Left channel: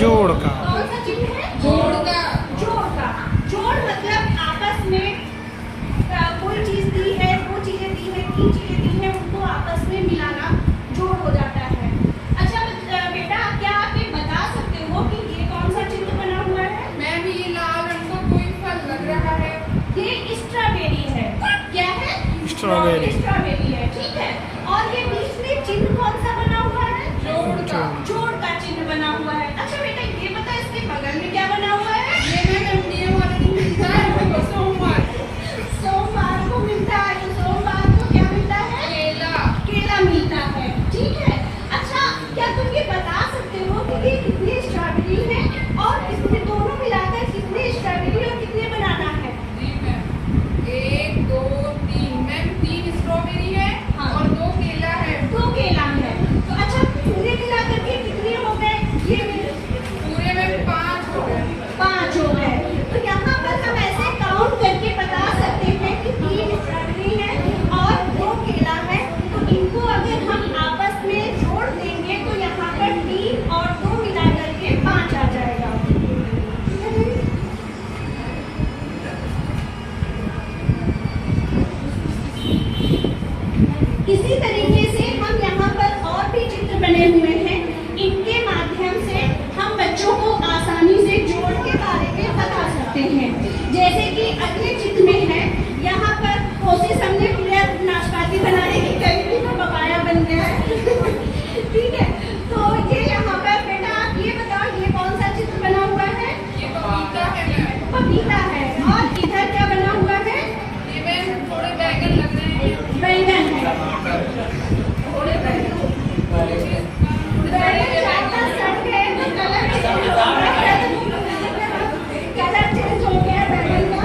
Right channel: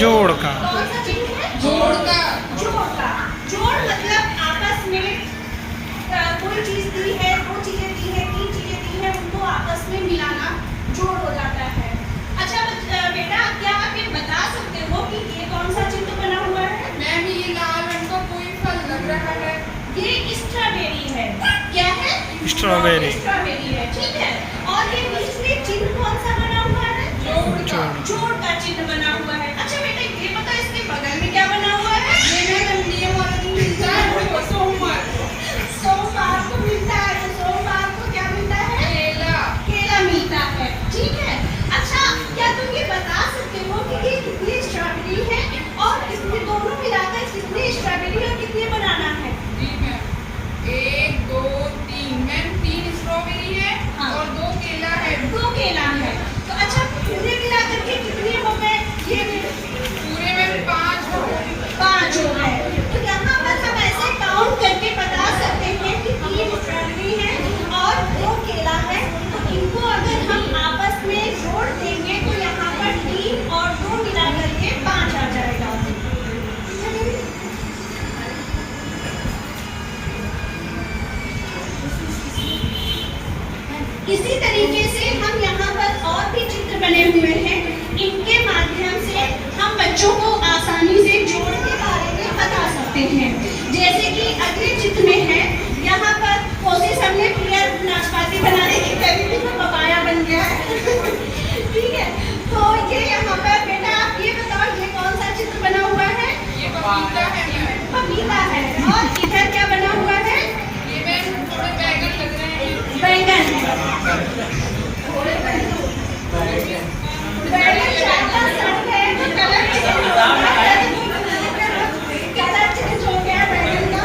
जोड़ का। कौन सा चिन्ह है? जोड़ का। जोड़ का। जोड़ मतलब आपस में कोई चीज दी है, दो चीजें दी है, तीन चीजें दी है, उनको आपस में मिलाना जोड़ हो जाता है। अच्छा बेटा, क्या आप ये बता सकते हो कि ये कौन सा चिन्ह बना हुआ है? मैम ये लाल रंग का कोई फल लग रहा है। ये स्ट्रॉबेरी है। क्या है? स्ट्रॉबेरी। स्ट्रॉबेरी है, ठीक है। और ये बीच में चिन्ह कौन सा बना हुआ है? जोड़ का। जोड़ का चिन्ह बना हुआ है। अच्छा बेटा ये बता, इसके बगल में क्या बना हुआ है? ये मैम ये वाला दिन मिलता है हमको सोमवार। सोमवार को मिलता है। तो सोमवार को क्या मिलता है? केला। केला मिलता है, ठीक है। अच्छा क्या तुम ये बता सकते हो कि ये कितनी स्ट्रॉबेरी है और इसमें दोनों मिलाकर कितनी स्ट्रॉबेरी और कितने बनाना है? जी मैम, 1 2 3 मैम 3 स्ट्रॉबेरी है। हाँ। और 2 केला है। 2 केला है। तो अच्छा पूरे मिलाकर के कितने हो गए? ये पूरे में 5 हो गए। 5 हो गए। तो यहाँ पर हम ऐसे काउंट करके बता सकते हैं कि 3 स्ट्रॉबेरी है और 2 केला है। तो इनको अगर हम आपस में जोड़ देंगे तो यहाँ पर 3 और 2 मिला करके 5 आ जाएगा। इसी तरीके से हम यहाँ पर और भी चित्र बने हुए हैं। इनके माध्यम से हम बच्चों को आसानी से जोड़ के बारे में बता सकते हैं। जैसे कि अगले चित्र में है, यहाँ पर कोशिश हमने क्लियर नाशपाती बनाने की करी थी तो पपाया बन गया है। ठीक है, तो ये यहाँ पर बेटा आप ये बताओ ये कौन सा चित्र बना हुआ है? ये पपीता है मैम। पपीता है। और इधर क्या बना हुआ है? ये मैम थोड़े बैगन लग रहे हैं। बैंगन है। बैगन ज्यादा सड़ गए तो कलर चेंज हो गया। कलर चेंज हो गया बैगन का।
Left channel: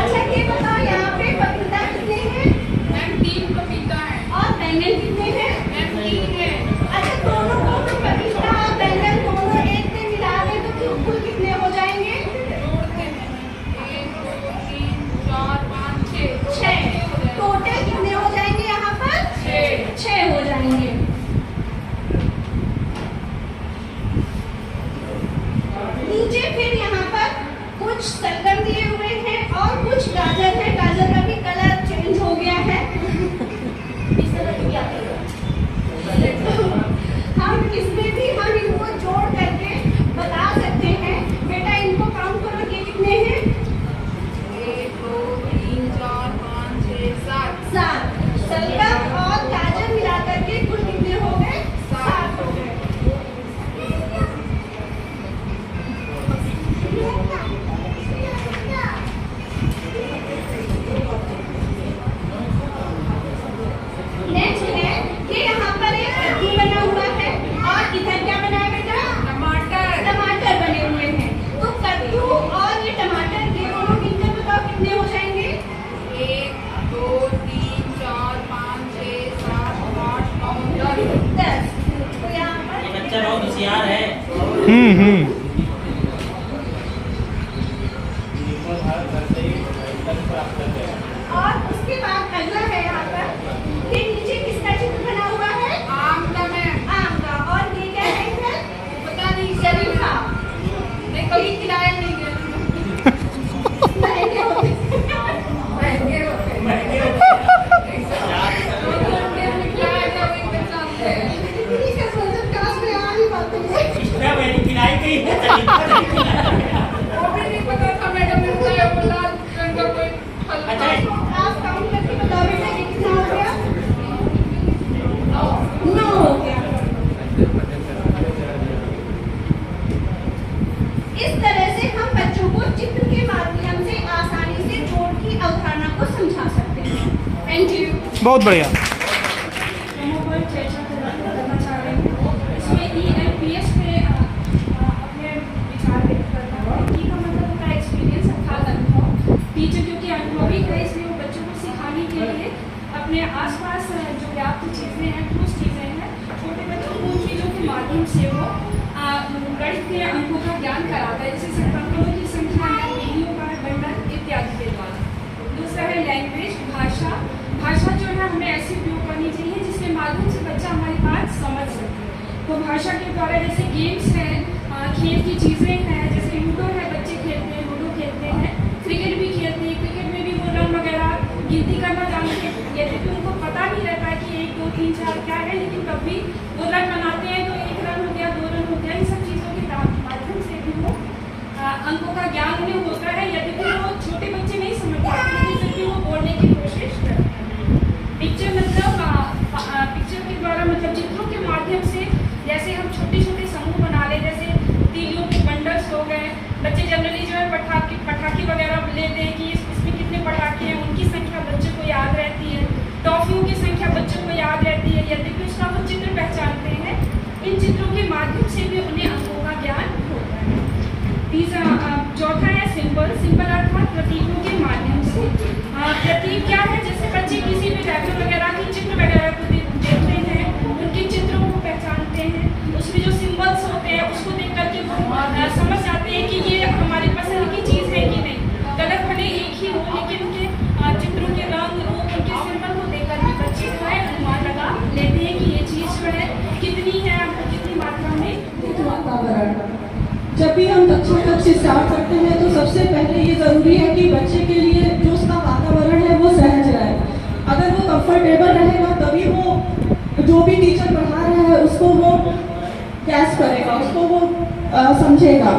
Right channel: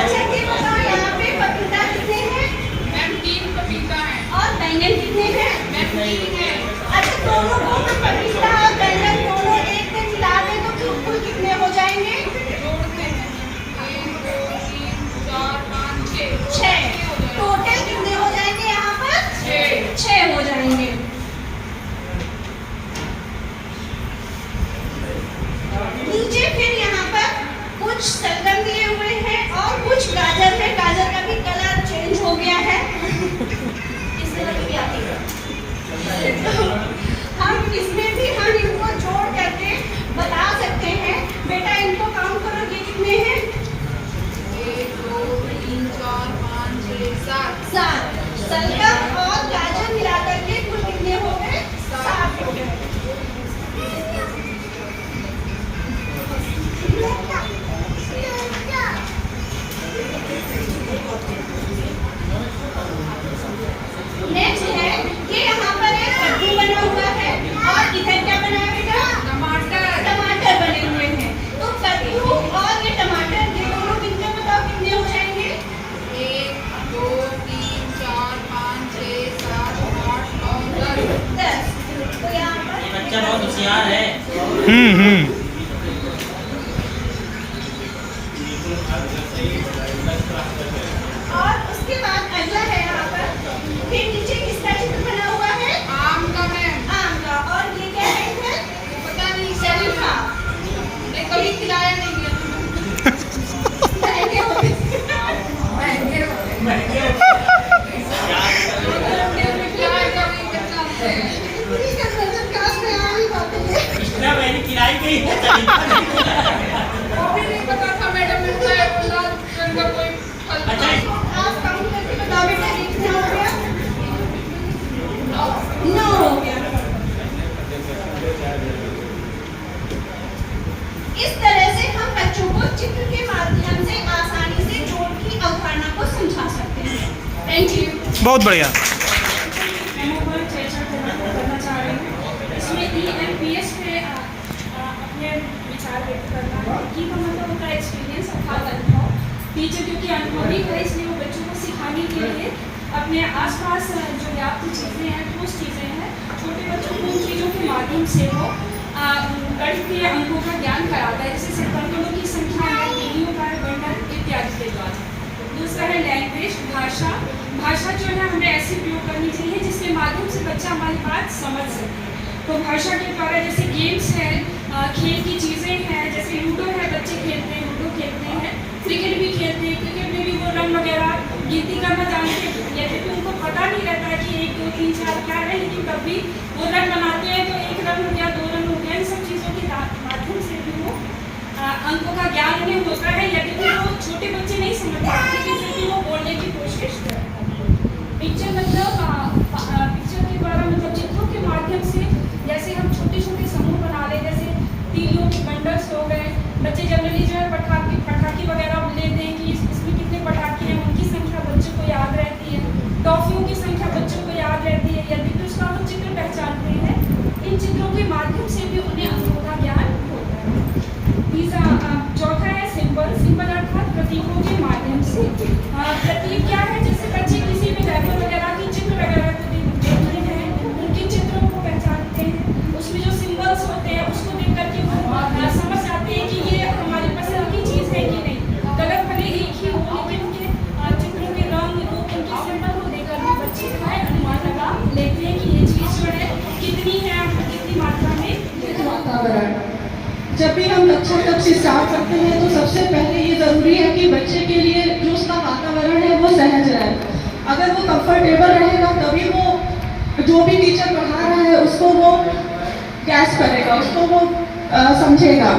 अच्छा ये बताओ यहाँ पे पपीता कितने हैं? मैम 3 पपीता है। और बैंगन कितने हैं? मैम 3 है। अच्छा दोनों को पपीता और बैंगन दोनों एक में मिला दें तो कुल कितने हो जाएंगे? जोड़ते हैं 1 2 3 4 5 6 6। टोटल कितने हो जाएंगे यहाँ पर? 6 हो जाएंगे। नीचे फिर यहाँ पर कुछ शलगम दिए हुए हैं और कुछ गाजर है। गाजर का भी कलर चेंज हो गया है। इस तरह की आती है। हम इसमें भी हम इनको जोड़ करके बता सकते हैं। बेटा इनको काउंट करो, ये कितने हैं? 1 2 3 4 5 6 7 7। शलगम और गाजर मिला करके कुल कितने हो गए? 7 हो गए। नेक्स्ट है कि यहाँ पर एक कद्दू बना हुआ है और इधर क्या बना है बेटा? टमाटर। टमाटर बने हुए हैं। तो कद्दू और ये टमाटर ये दोनों मिलकर बताओ कितने हो जाएंगे? 1 2 3 4 5 6 7 8 9 10। 10। तो यहाँ पर बच्चा बहुत होशियार है। और उसके बाद अगला है यहाँ पर फिर नीचे किसका चित्र बना हुआ है? आम का मैम। आम का। और ये क्या है इधर? पता नहीं शरीफा। नहीं कभी खिलाया नहीं गया। महंगे होते महंगे होते हैं। खिलाया कभी बच्चा से। इतनी का नजर काश में आ ही पाते हैं। स्ट्रॉबेरी खिलाई गई है, शरीफा नहीं खिलाया गया। वो भी नहीं पता था मैडम मिलता है बोला रंग का कोई फल। अच्छा आप काउंट करके बताओ बेटा ये कितना हो गया? 9 हो गया। इस तरह से हम बच्चों को चित्र के माध्यम से आसानी से जोड़ की अवधारणा को समझा सकते हैं। Thank you. बहुत बढ़िया। मेमो पर चर्चा करना चाह रही हूँ। इसमें EMPS पे अपने विचार व्यक्त करना है। ई का मतलब होता है एक्सपीरियंस अर्थात अनुभव। टीचर क्योंकि अनुभवी है इसलिए वो बच्चों को सिखाने के लिए अपने आसपास जो व्याप्त चीज़ें हैं, ठोस चीज़ें हैं, छोटे बच्चों को उन चीज़ों के माध्यम से वो गणित के अंकों का ज्ञान कराता है, जैसे सर्कलों की संख्या, तीलियों का बंडल इत्यादि के द्वारा। दूसरा है लैंग्वेज, भाषा। भाषा जो है हमें ऐसी उपयोग करनी चाहिए जिसके माध्यम से बच्चा हमारी बात समझ सके। तो भाषा के द्वारा जैसे गेम्स है, खेल की चीज़ें हैं, जैसे लूडो है, बच्चे खेलते हैं, लूडो खेलते हैं, क्रिकेट भी खेलते हैं। क्रिकेट में भी वो रन वगैरह गिनती करना जानते हैं, यदि तो उनको पता नहीं रहता है कि 1 2 3 4 क्या है, लेकिन तब भी वो रन बनाते हैं। तो 1 रन हो गया, 2 रन हो गया, इन सब चीज़ों के माध्यम से भी वो अंकों का ज्ञान उन्हें होता है। यदि तो वो छोटे बच्चे नहीं समझते, लेकिन फिर भी वो बोलने की कोशिश करते हैं। पिक्चर मतलब पिक्चर के द्वारा मतलब चित्रों के माध्यम से, जैसे हम छोटे छोटे समूह बना ले, जैसे तीलियों के बंडल्स हो गए। बच्चे जनरली जो है पटाखे वगैरह लेते हैं कि इसमें कितने पटाखे हैं, उनकी संख्या बच्चों को याद रहती है। टॉफियों की संख्या बच्चों को याद रहती है, यदि भी उसका वो चित्र पहचानते हैं। इन चित्रों के माध्यम से भी उन्हें अंकों का ज्ञान होता है। चौथा है सिंबल अर्थात प्रतीकों के माध्यम से। प्रतीक क्या है, जैसे बच्चे किसी भी रैपर वगैरह की चित्र वगैरह को देखते हैं, उनके चित्रों को पहचानते हैं, उसमें जो सिंबल्स होते हैं उसको देख करके वो समझ जाते हैं कि ये हमारी पसंद की चीज़ है कि नहीं। कलर भले एक ही हो, लेकिन उनके चित्रों के रंग रूप, उनके सिंबल को देखकर भी बच्चे जो है अनुमान लगा लेते हैं कि ये चीज़ जो है कितनी है, कितनी मात्रा में। वातावरण, जब भी हम कक्षा तक से स्टार्ट करते हैं तो सबसे पहले ये ज़रूरी है कि बच्चे के लिए जो उसका वातावरण है वो सहज रहे। अगर वो कंफर्टेबल रहेगा तभी वो जो भी टीचर पढ़ा रहा है उसको वो गैस करेगा, उसको वो समझेगा।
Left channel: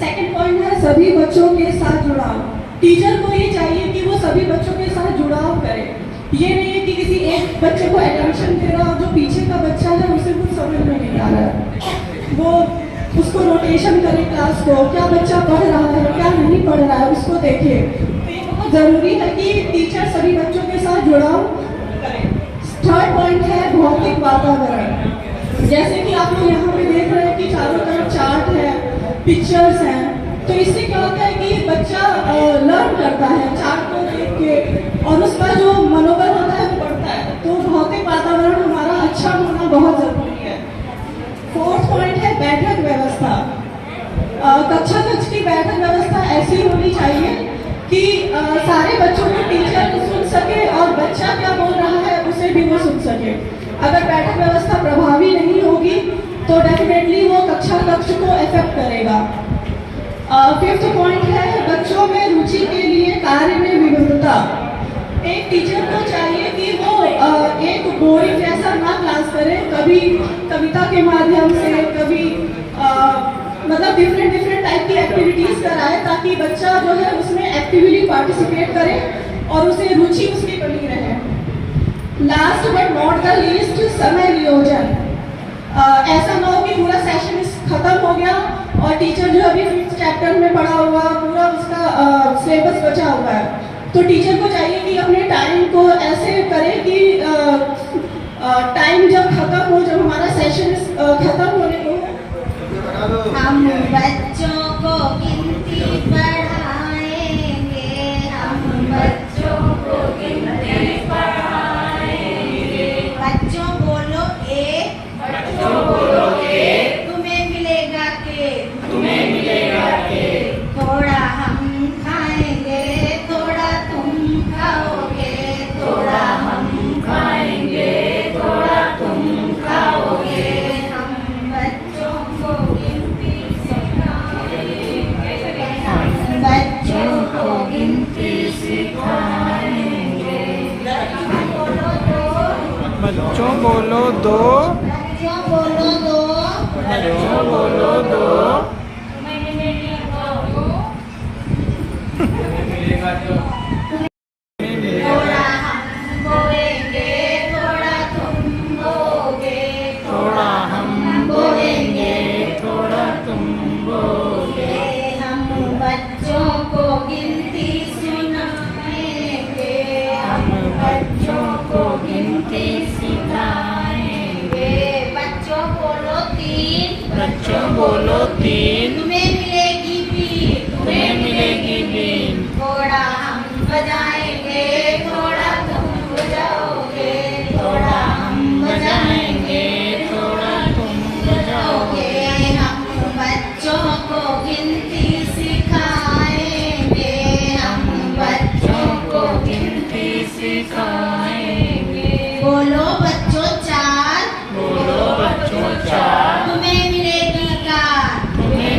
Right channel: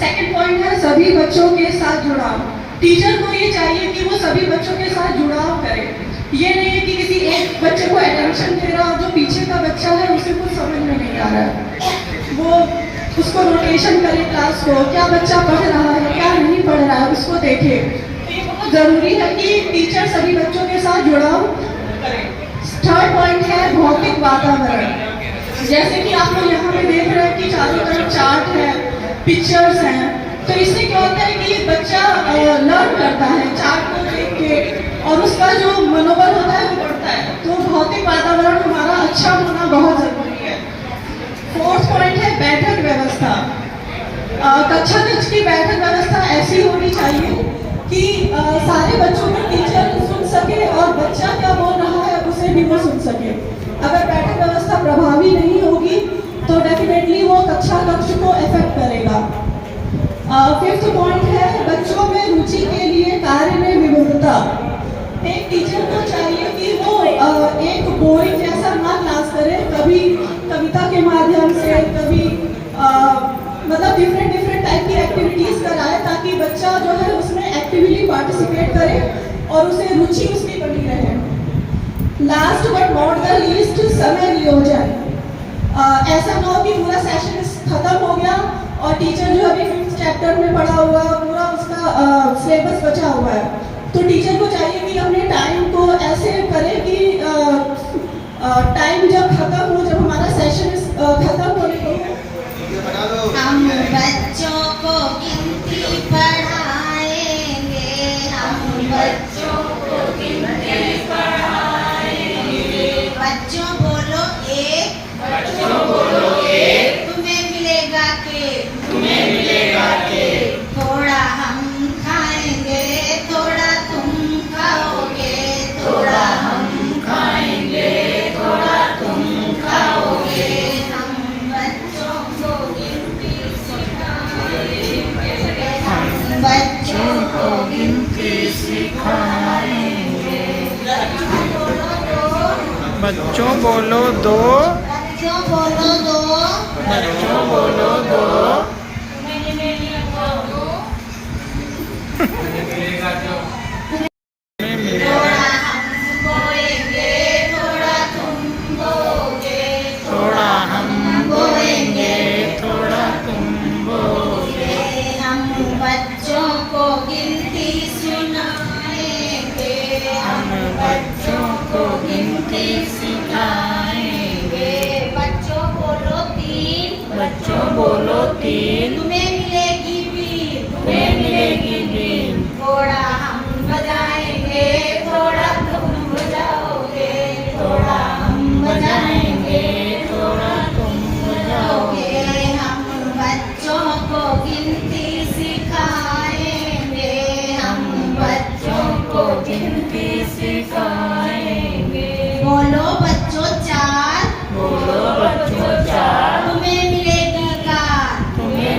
सेकंड पॉइंट है सभी बच्चों के साथ जुड़ाव। टीचर को ये चाहिए कि वो सभी बच्चों के साथ जुड़ाव करे। ये नहीं है कि किसी एक बच्चे को अटेंशन दे रहा, जो पीछे का बच्चा है उसे कुछ समझ में नहीं आ रहा है, वो उसको रोटेशन करे क्लास को, क्या बच्चा पढ़ रहा है क्या नहीं पढ़ रहा है उसको देखे। तो ये बहुत ज़रूरी है कि टीचर सभी बच्चों के साथ जुड़ाव करें। थर्ड पॉइंट है भौतिक वातावरण। जैसे कि आप लोग यहाँ पे देख रहे हैं कि चारों तरफ चार्ट है, पिक्चर्स हैं, तो इससे क्या होता है कि बच्चा लर्न करता है चार्ट को देख के और उसका जो मनोबल होता है वो बढ़ता है। तो भौतिक वातावरण हमारा अच्छा होना बहुत ज़रूरी है। फोर्थ पॉइंट है बैठक व्यवस्था। कक्षा कक्ष की बैठक व्यवस्था ऐसी होनी चाहिए कि सारे बच्चों को टीचर सुन सके और बच्चा क्या बोल रहा है उसे भी वो सुन सके। अगर बैठक व्यवस्था प्रभावी नहीं होगी तो डेफिनेटली वो कक्षा कक्ष को इफेक्ट करेगा। फिफ्थ पॉइंट है बच्चों में रुचि के लिए कार्य में विविधता। एक टीचर को चाहिए कि वो एक बोरिंग जैसा ना क्लास करे, कभी कविता के माध्यम से, कभी मतलब डिफरेंट टाइप की एक्टिविटीज कराए ताकि बच्चा जो है उसमें एक्टिवली पार्टिसिपेट करे और उसे रुचि उसकी बनी रहे। Last but not the least समय नियोजन। ऐसा ना हो कि पूरा सेशन खत्म हो गया और टीचर जो अभी 5th चैप्टर में पढ़ा हुआ पूरा उसका सिलेबस बचा हुआ है, तो टीचर को चाहिए कि अपने टाइम को ऐसे करे कि टाइम जब खत्म हो, जब हमारा सेशन खत्म होने को, हम बच्चों को गिनती पढ़ाएंगे, हम बच्चों को गिनती पढ़ाएंगे। बच्चों बोलो एक, बच्चों बोलो एक, तुम्हें मिलेगा के, तुम्हें मिलेगा के, थोड़ा हम खाएंगे थोड़ा तुम खाओगे, थोड़ा हम खाएंगे थोड़ा तुम खाओगे। हम बच्चों को गिनती सिखाएंगे, हम बच्चों को गिनती सिखाएंगे। बच्चों बोलो दो, बच्चों बोलो दो, बच्चों बोलो दो, थोड़ा हम बोएंगे थोड़ा तुम बोगे, थोड़ा हम बोलेंगे थोड़ा तुम बोगे। हम बच्चों को गिनती सुनाएंगे, हम बच्चों को गिनती सिखाएंगे। बच्चों बोलो तीन, बच्चों बोलो तीन, तुम्हें मिलेगी बीन, तुम्हें मिलेगी बीन, थोड़ा हम बजाएंगे थोड़ा तुम बजाओगे, थोड़ा हम बजाएंगे थोड़ा तुम बजाओगे। हम बच्चों को गिनती सिखाएंगे, हम बच्चों को गिनती सिखाएंगे। बोलो बच्चों चार, बोलो बच्चों चार, तुम्हें मिलेगी कार, तुम्हें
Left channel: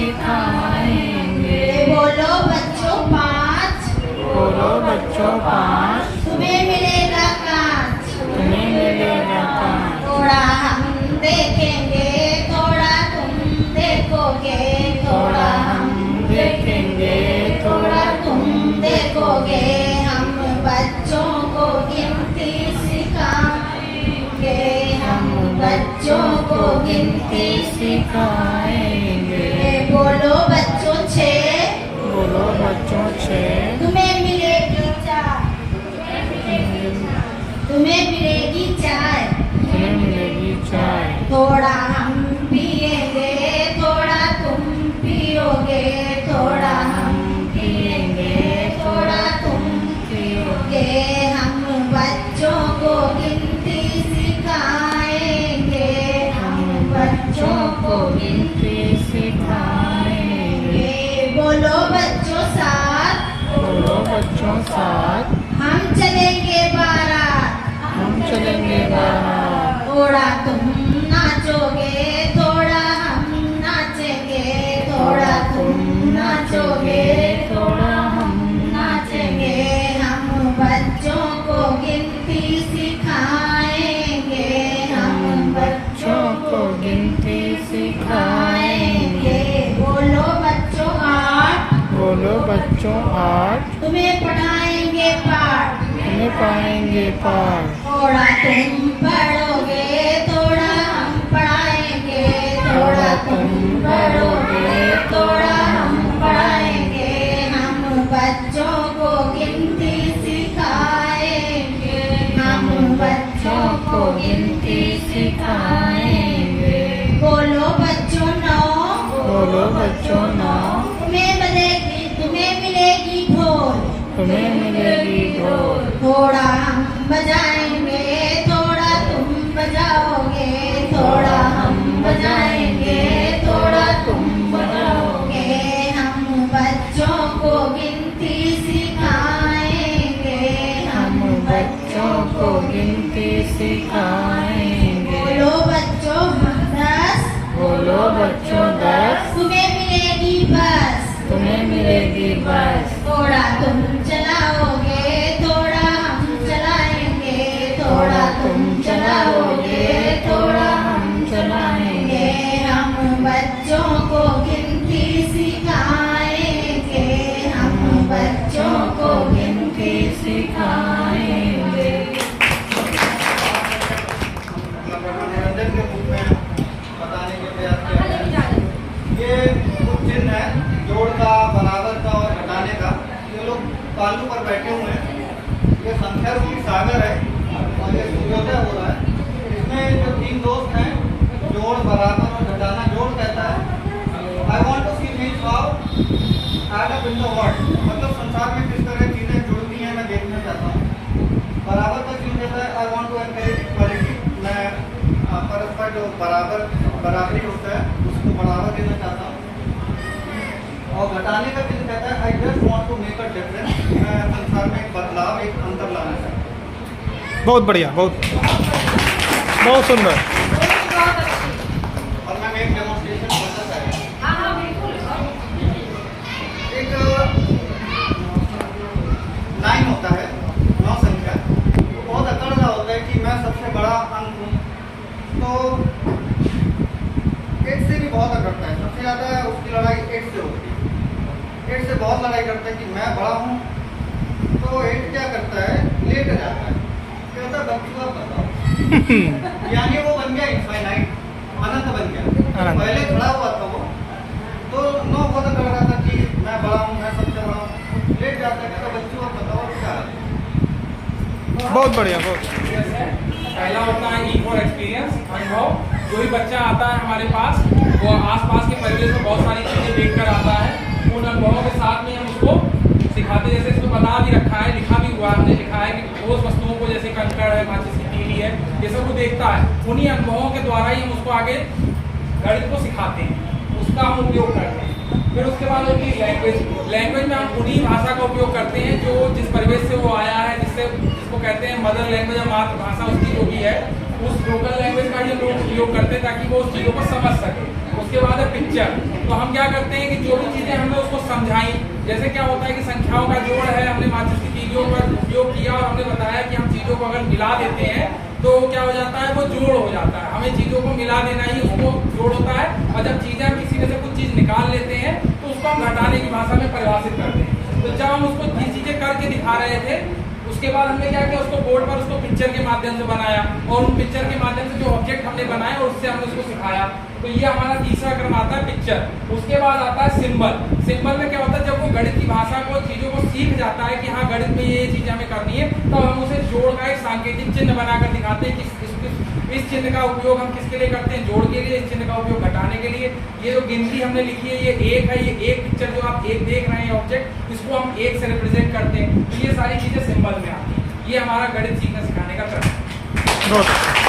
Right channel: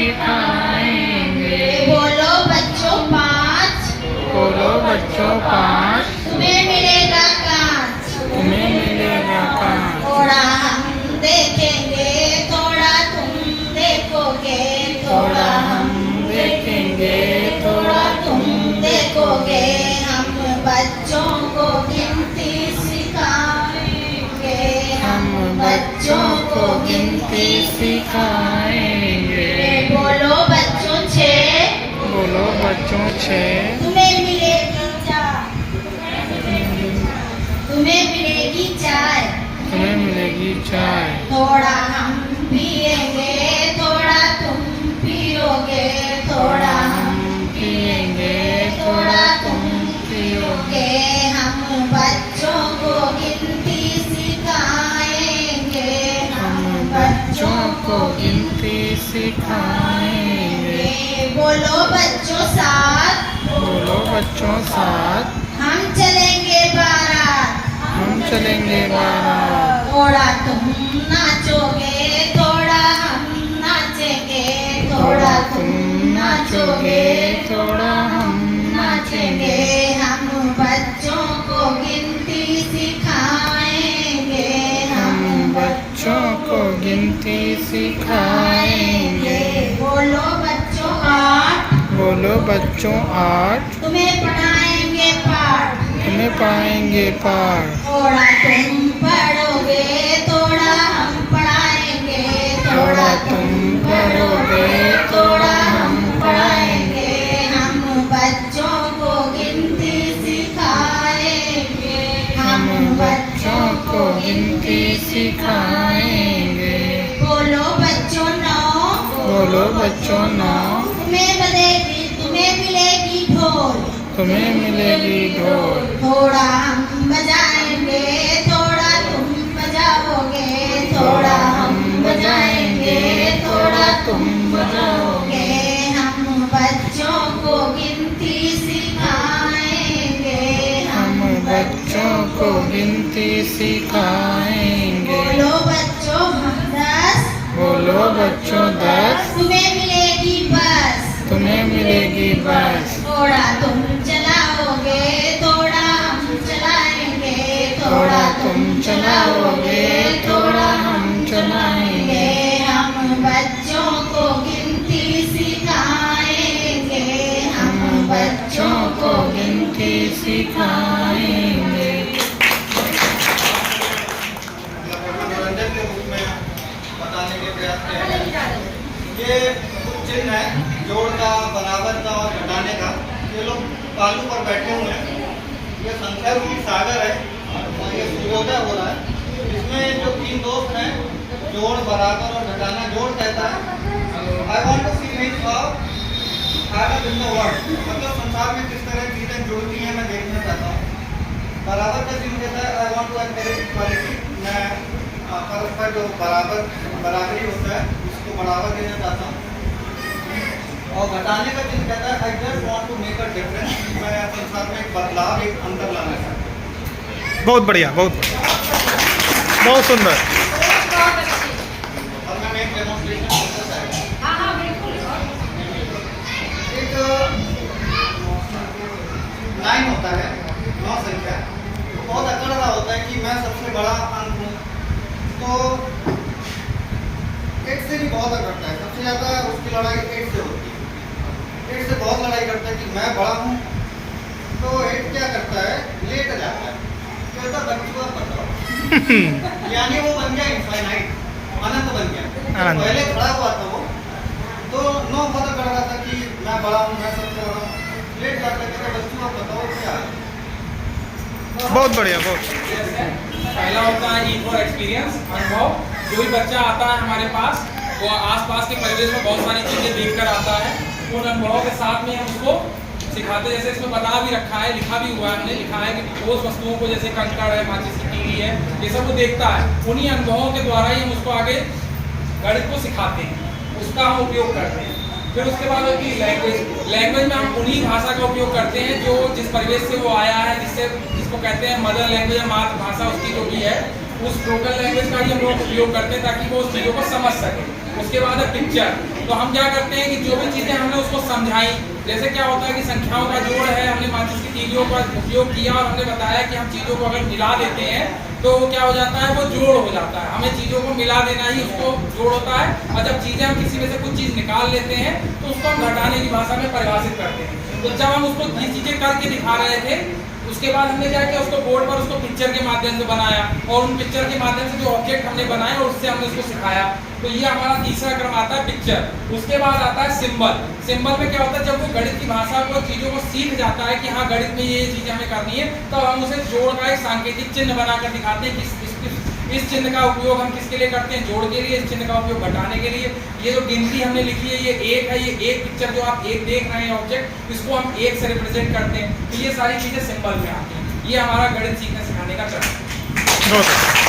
सिखाएंगे। बोलो बच्चों 5, बोलो बच्चों 5, तुम्हें मिलेगा कांच। तुम्हें मिलेगा कांच। थोड़ा हम देखेंगे, थोड़ा तुम देखोगे, थोड़ा हम देखेंगे, थोड़ा तुम देखोगे। हम बच्चों को गिनती सिखाएंगे, हम बच्चों को गिनती सिखाएंगे। बोलो बच्चों 6, बोलो बच्चों 6, तुम्हें मिलेगी चाय। तुम्हें मिलेगी चाय। तुम्हें मिलेगी चाय। थोड़ा हम पिएंगे, थोड़ा तुम पियोगे, थोड़ा हम पिएंगे, थोड़ा तुम पियोगे। हम बच्चों को गिनती सिखाएंगे, हम बच्चों को गिनती सिखाएंगे। बोलो बच्चों 7, बोलो बच्चों 7, हम चलेंगे बारात। हम चलेंगे बारात। थोड़ा तुम नाचोगे, थोड़ा हम नाचेंगे, थोड़ा तुम नाचोगे, थोड़ा हम नाचेंगे। हम बच्चों को गिनती सिखाएंगे, हम बच्चों को गिनती सिखाएंगे। बोलो बच्चों 8, बोलो बच्चों 8, तुम्हें पढ़ाएंगे पाठ। तुम्हें पढ़ाएंगे पाठ। थोड़ा तुम पढ़ोगे, थोड़ा हम पढ़ाएंगे, थोड़ा तुम पढ़ोगे, थोड़ा हम पढ़ाएंगे। हम बच्चों को गिनती सिखाएंगे, हम बच्चों को गिनती सिखाएंगे। बोलो बच्चों 9, बोलो बच्चों 9, तुम्हें मिलेगी ढोल। तुम्हें मिलेगी ढोल। थोड़ा हम बजाएंगे, थोड़ा तुम बजाओगे, थोड़ा हम बजाएंगे, थोड़ा तुम बजाओगे। हम बच्चों को गिनती सिखाएंगे, हम बच्चों को गिनती सिखाएंगे। बोलो बच्चों 10, बोलो बच्चों 10, तुम्हें मिलेगी बस। तुम्हें मिलेगी बस। थोड़ा तुम चलाओगे, थोड़ा हम चलाएंगे, थोड़ा तुम चलाओगे, थोड़ा हम चलाएंगे। हम बच्चों को गिनती सिखाएंगे, हम बच्चों को गिनती सिखाएंगे। मनोरंजन के रूप में बताने के प्रयास किया है। ये कुछ चिन्ह है जोड़ का, बराबर का और घटाने का। ये लोग पालू पर बैठे हुए हैं। ये संख्या रूपी सागर है और ये सूर्योदय हो रहा है। इसमें जो 3 दोस्त हैं, जोड़, बराबर और घटाना। जोड़ कहता है I want to see things how add up in the world, मतलब संसार में किस तरह चीज़ें जुड़ती हैं मैं देखना चाहता हूँ। बराबर का चिन्ह कहता है I want to encourage equality, मैं परस्पर जो बराबरी होता है उसको बढ़ावा देना चाहता हूँ। और घटाने का चिन्ह कहता है I just want to make a difference, मैं संसार में एक बदलाव, एक अंतर लाना चाहता हूँ। बहुत बढ़िया, बहुत सुंदर। और मैं एक डेमोन्स्ट्रेशन करना चाहता हूँ। एक 9 होता है, 9 संख्या, तो बहुत अकड़ रहा होता है कि मैं सबसे बड़ा अंक हूँ, तो 8 से भी बहुत अकड़ता है। सबसे ज़्यादा उसकी लड़ाई 8 से होती है। 8 से बहुत लड़ाई करता है कि मैं बड़ा हूँ। तो 8 क्या करता है, लेट जाता है, कहता बच्चों आप बताओ। यानी वो बन गया इनफाइनाइट, अनंत बन गया। अनंत। पहले खड़ा हुआ था वो, तो 9 बहुत अकड़ रहा था कि मैं बड़ा हूँ, मैं सबसे बड़ा हूँ। लेट जाता है, कहता बच्चों आप बताओ क्या। बहुत बढ़िया, बहुत। पहला होता है ईट फॉर एक्सपीरियंस, अनुभव। जो भी बच्चा आता है हमारे पास, वो आसपास के परिवेश में बहुत सारी चीज़ें देखकर आता है। उन अनुभवों के साथ में हम उसको सिखाते हैं। जैसे इसमें बता भी रखा है, लिखा भी हुआ है, हमने लिखा है कि ठोस वस्तुओं को, जैसे कंकड़ है, माचिस की तीली है, ये सब वो देखता है। उन्हीं अनुभवों के द्वारा ही हम उसको आगे गणित को सिखाते हैं, उसका हम उपयोग करते हैं। फिर उसके बाद होती है लैंग्वेज में हम उन्हीं भाषा का उपयोग करते हैं जो जिस परिवेश से वो आया है, जिसको कहते हैं मदर लैंग्वेज या मातृभाषा उसकी जो भी है, उस ब्रोकन लैंग्वेज का ही हम लोग उपयोग करते हैं ताकि वो उस चीज़ों को समझ सके। उसके बाद है पिक्चर। तो हम क्या करते हैं कि जो भी चीज़ें हमने उसको समझाई, जैसे क्या होता है कि संख्याओं का जोड़ है, हमने माचिस की तीलियों का उपयोग किया और हमने बताया कि हम चीज़ों को अगर मिला देते हैं तो क्या हो जाता है, वो जोड़ हो जाता है। हमें चीज़ों को मिला देना ही उसको जोड़ होता है। और जब चीज़ें हम किसी में से कुछ चीज़ निकाल लेते हैं तो उसको हम घटाने की भाषा में परिभाषित करते हैं। तो जब हम उसको ये चीज़ें करके दिखा रहे थे, उसके बाद हमने क्या किया, उसको बोर्ड पर उसको पिक्चर के माध्यम से बनाया और उन पिक्चर के माध्यम से जो ऑब्जेक्ट हमने बनाए और उससे हमने उसको सिखाया। तो ये हमारा तीसरा क्रम आता है पिक्चर। उसके बाद आता है सिंबल। सिंबल में क्या होता है, जब वो गणित की भाषा को चीज़ों को सीख जाता है कि हाँ गणित में ये चीज़ हमें करनी है, तब हम उसे जोड़ का एक सांकेतिक चिन्ह बनाकर दिखाते हैं कि इस चिन्ह का उपयोग हम किसके लिए करते हैं, जोड़ के लिए। इस चिन्ह का उपयोग घटाने के लिए। ये जो गिनती हमने लिखी है ये एक है, ये एक पिक्चर जो आप एक देख रहे हैं ऑब्जेक्ट, इसको हम एक से रिप्रेजेंट करते हैं। तो ये सारी चीज़ें सिंबल में आती हैं। ये हमारा गणित सीखने सिखाने का क्रम है। बहुत अच्छा।